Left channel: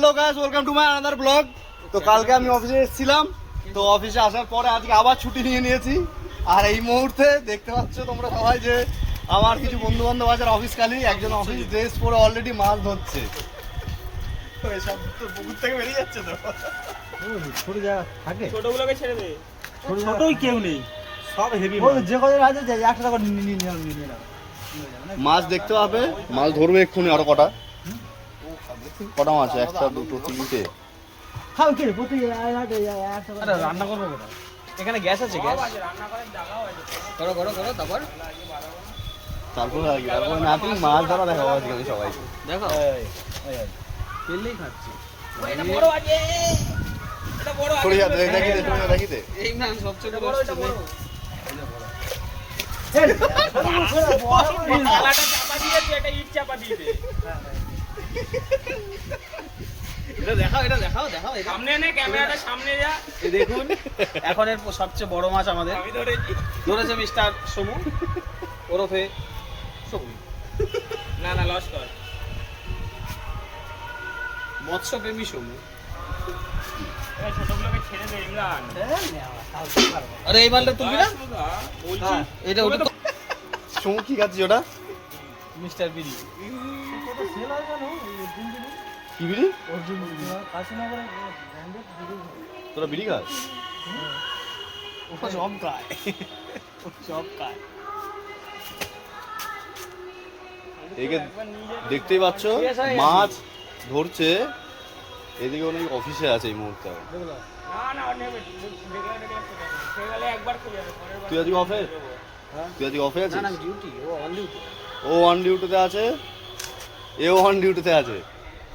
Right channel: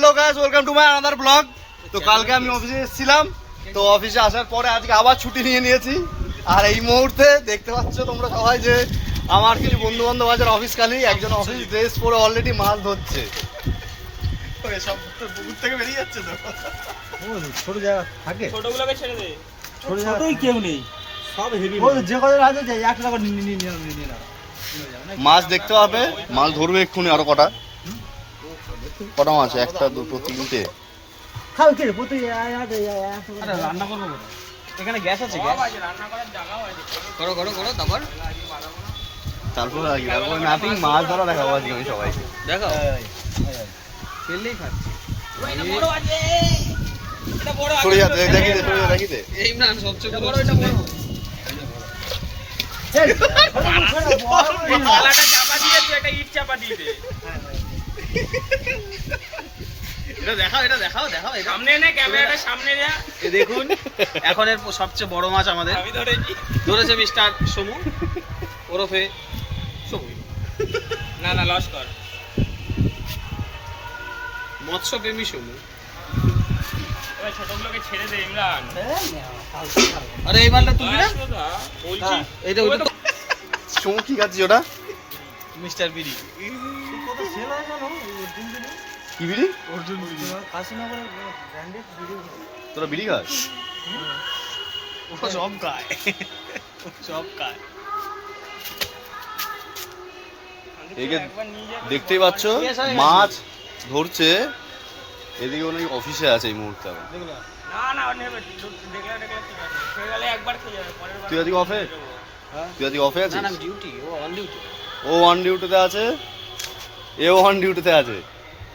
Hello guys, welcome to my another blog. তো কালকে আমি অফিসে এসেছিলাম, তো অফিসে আসার পরে আজকে আবার ছুটি নিয়ে নিয়েছি। আর এই মুহূর্তে দেখতে পাচ্ছ তোমরা সবাই যে আমার কিছু বন্ধু বান্ধব আছে অফিস খালি, একজন অফিস ড্রেস পরে অলরেডি মাছ ধরছে। সব পুকুর থেকে বেরিয়ে যাচ্ছে তো, ছোট জায়গা থাকে, ছোটগুলোকে ছেড়ে দে। ছোটই কেউ নেই, সব হেভি যে কজন আছে 1 টাকা নিয়ে নাও। মাছ দেখতে পাবে, মাছ ধরবে এক্ষুনি। আরো কটা মাছ? 1টা 2টো 3টে। খাও কি প্রতি রান্না করবো এখানে গ্যাস আছে, গ্যাস করো করো করো। তারপরে নাথিং, মাছ ধরা দেখাবো আজকে আমি সবাইকে। দেখো ফেললেই খাচ্ছি। সরে যাতে দেখি দে। এই না সবচেয়ে বড়, এটা বড়। থালাটা চাপা দিয়ে তুই একটা ইট চাপা দিয়ে দে। এটা দেখাও সামনে নে, ক্যামেরাটা সামনে যা। এই দেখুন এখন এর সবচেয়ে বড় মাছ আমাদের আমি ধরেছে মিস্টার সমু ওরফে সমু। না লস কর, মৎস্যপ্রেমী সমু। এবার ছোটগুলোকে ছেড়ে দে ইমরান। আরে এই মালটা তুলবি না? বলছি এটা ওটা সমু কি খাচ্ছিস ওটা? মিস্টার বিড়ি। কি বিড়ি? অর্জুন কাশীনগরের ব্র্যান্ডেড ভিডিও। তোরা বিড়ি খাস? ও সব খায়, এদিকে দেখতেই পাচ্ছ মাছ ধরছে, এদিকে নাকি অফিসে আছে এই মুহূর্তে। না নেবে, দেখলে খেয়ে গেলে একবার খেয়ে যাবে, পরের বার তুই আজকে অফে? তুই আজকে অফে আছিস? না ডিউটি, ও অন ডিউটি। ও অন ডিউটিতে আছে, এও অন ডিউটিতে আছে।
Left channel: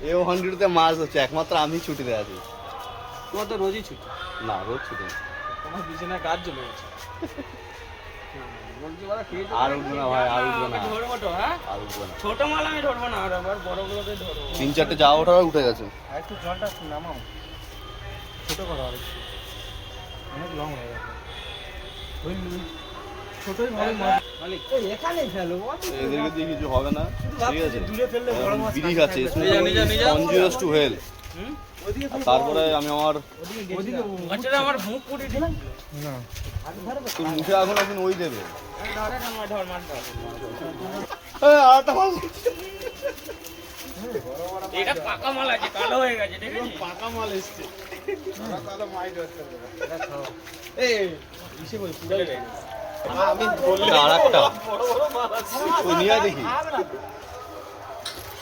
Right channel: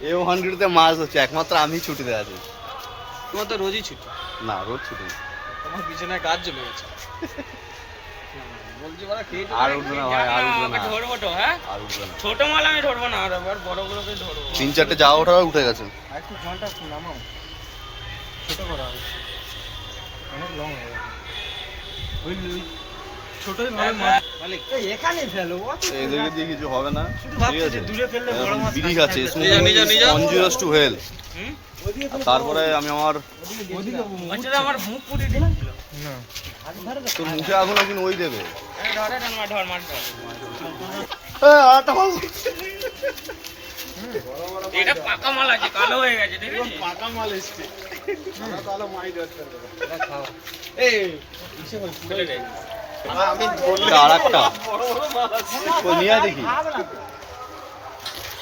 এও অন ডিউটিতে মাছ ধরছে, একমাত্র আমি ছুটিতে আছি। তোমার তো রোজই ছুটি। না, রোজ ছুটি না। তোমার বিছানায় গাছ জমে গেছে। বলছি বলা খেয়ে আর উঠবে না ভাই, আর উঠবে না। ধরবো তো, হ্যাঁ আর উঠবে না। ছোট মাল আমি ধরবো না, আর আবার বড়গুলোকে ধরবো। 3-4টে যাওয়া ওঠা উঠে গেছে। আর একটু জলটা নামাও, ছোট করে আর একটু, অনেক লং হয়ে গেছে। ওই ছোটই ভালো মাছ মালিক, এই এখানে ফেলো, এদিকে দিয়ে কিছু হবে না, শুধু ঠিক ভাবছি আছে? যে দূরে ফেললে বড় মাছ বিড়ি খাচ্ছে, নিজা। কনজিউস টু হেল। ওইদিকে ফেলে তারপরে আমি আমার ওইদিকে আচ্ছা আমার মুখ পুড়ে দিল। তোর মুখে আগুন এখন ওই দেবে। ধর মাছ ধর। আরেকটা মাছ। এটা পাকা মাল আছে, কালো হয়ে গেছে, ঠিক আছে? পাকা মাল এসছে। এটা খাও। এই ইসে বলছি আমি বললে আরেকটা ওই নিয়ে দেখি।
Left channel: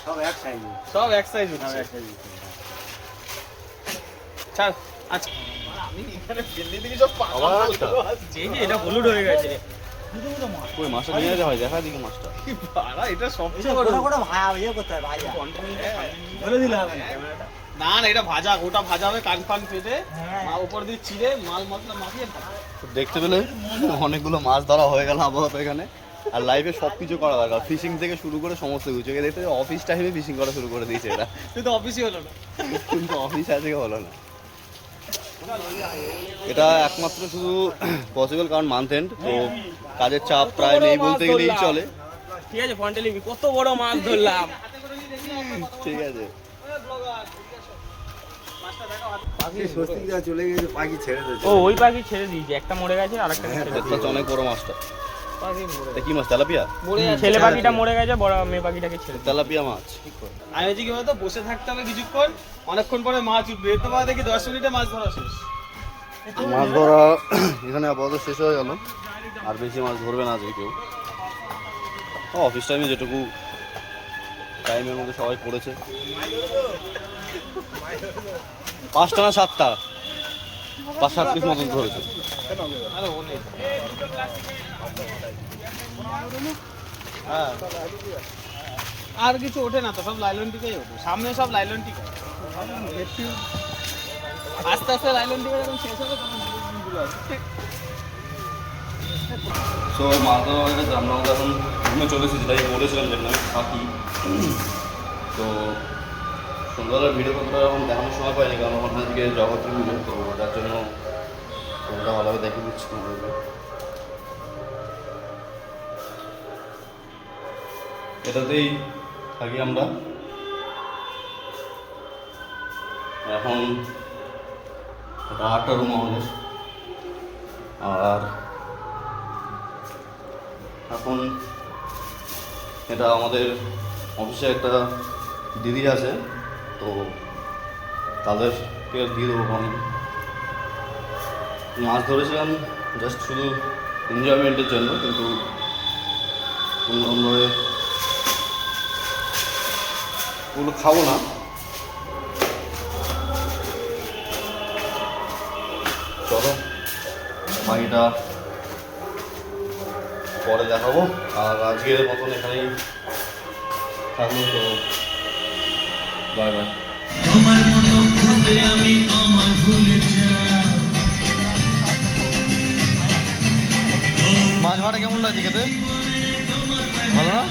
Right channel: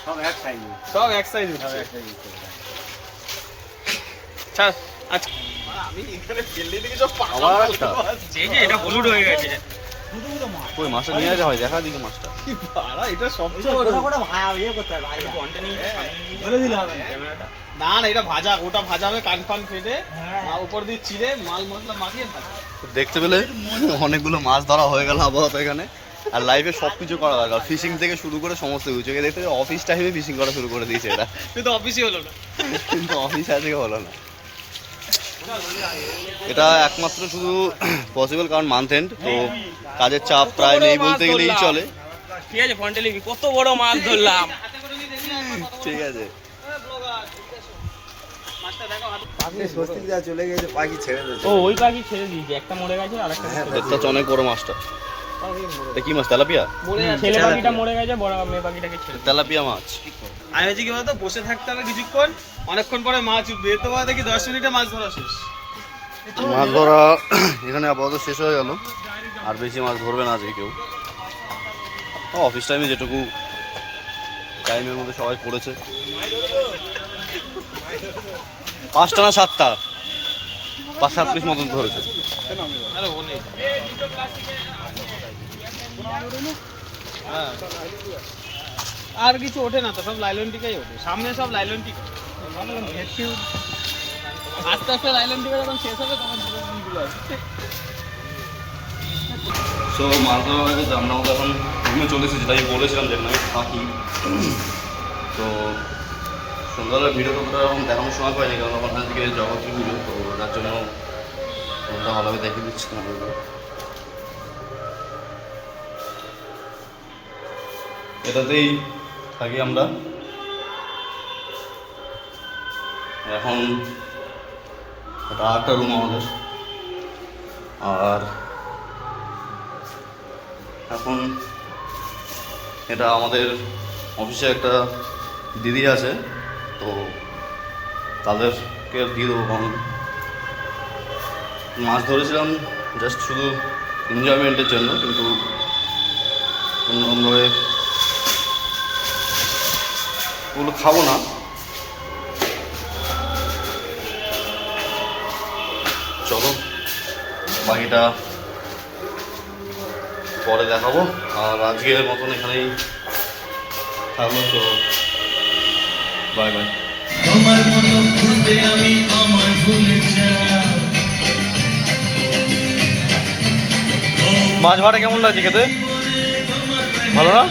সব এক সাইজ। সব এক সাইজ হচ্ছে। ছাড় আচ্ছা, আবার আরেকটা। এই যে এটা হলুদ হয়ে গেছে। ওই মাছটা নিয়ে আসা হয়, দেখা দিকে মাছটা। এটা কোটা কোটা ভাই ইয়ে করতে হয় ভাই। বলে দিলে হবে না। না এটা ভাজা, ওটা ভাজা হবে কান ফান কেটে, হ্যাঁ। আর উপর দিয়ে চিড়ে মাল মশলা মাখিয়ে ভাজা। দেখতে পেলে অনেকগুলো মাছ ধরা হয়ে গেল আপাতত এখানে। আর লাইফে সবকিছু করা দরকার, ফিশিং থেকে শুরু করে সমস্ত কিছু। দেখতে অফিস টাইমে ফিশিং করা শুরু করে দিয়েছে এরা, কিন্তু অফিসই হলো না। কিন্তু অফিস আজকে হলো না। এটা একমাত্র শুধু পসিবল কারণ মান্থ এন্ড, তো কাজের চাপ প্রায় নেই বলতে গেলেই চলে। ঠিক আছে, ফন্টে লিখবি কত বড় মাছ ধরলাম। ঠিক আছে, চলে গেছে, পাখি ছেড়ে দিয়েছে। ও ওই পাখি ছেড়ে দিয়েছি, একটা মরে গেছে, আরেকটা দেখতে অনেক বড় মাছটা। এটা কি মাছ? তেলাপিয়া? ছেলে পাখিটা মরে গেছে, বড় মেয়ে পাখিটাকে ছেড়ে দিয়েছি। তেলাপিয়া মাছ। আমি হচ্ছে কি বলতো, বসে থাকতে হবে কিছুক্ষণ, অনেকক্ষণ পরে মাছ উঠবে। এর তো বাদে দেখি 10 মিনিটে মাছ ধরা শেষ। মাছ ধরা এখানে আপাতত শেষ হয়ে গেল, আর বেশি মাছ ধরবে না আজকে কেউ। অফিস টাইমে যেটুকু টাইমের মধ্যে সবাই পড়েছে। 5টা না 7টা, 5-7 পিস মতন ধরেছে। আরে ও নেই। আর কিছু ওঠে না তো, সব লাইলন টিকাই ওঠে। সামনে সব লাইলন টিকা, আস্তে আস্তে লাইলন টিকা যখন শেষ হবে তখন গুলো আসবে। সো মাছ ধরা হয়ে গেছে, আমরা এখন রুমে চলে এসেছি। তাই বলেছিলাম যেখানে আমি থাকি। তো সন্ধ্যাবেলার ভিডিও কতটা এখন দেখানোর সময় পাইনি, কারণ ওখানে আজকে জগত্রী পুজো, তো যার জন্য তোমরা ভালোভাবে দেখে দিচ্ছি তোমাদেরকে। এটাতেই থাকি আমরা। এখন এটা 8টা রুম আমাদের। আর এখন এটা আমাদের অফিসে একটা দিদি আছে, তো তাদেরকে দিয়ে দেবো। কারণ মাছ ধরেছিলাম জাস্ট শুধু এনজয়মেন্টের জন্য, কিন্তু অন্যভাবে ওগুলো খাবো না। চলো বাকিটা পরে দেখাবো। আর আজকের মতন এখানেই থাকলো, তো বাই বাই। মাছ ভাড়া কেমন লাগছে খেতে? ভালো না?